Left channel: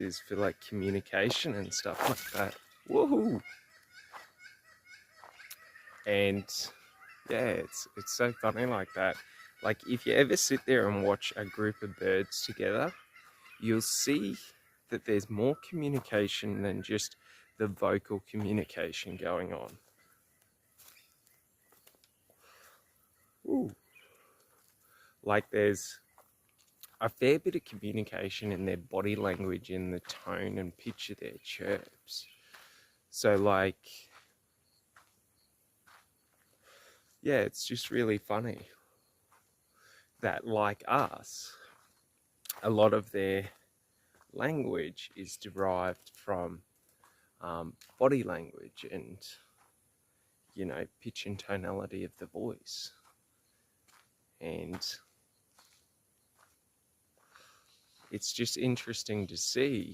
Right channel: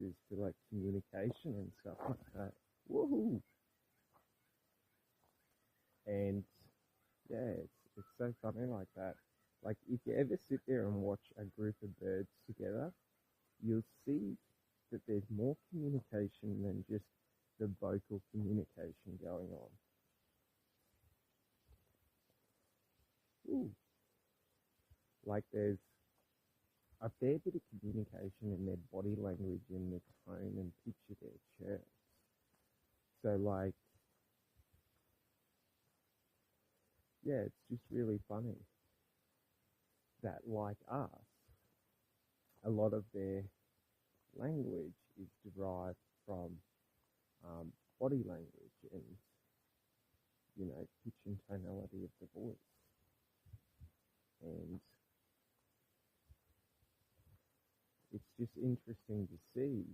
is for like communication and stuff like that. Woohoo! And yeah, it's so funny like that. Like if you ever sit there and watch a group of birds together, you'll see that there's more communication than just the vocal communication going on. Ooh. Like there's a fair bit of communication in their body language, in the tone and pitch of their chirps. So like, yeah, it's just really funny that like us, a lot of their language is derived from body language and, pitch and tonality of the voice. And it's just interesting to see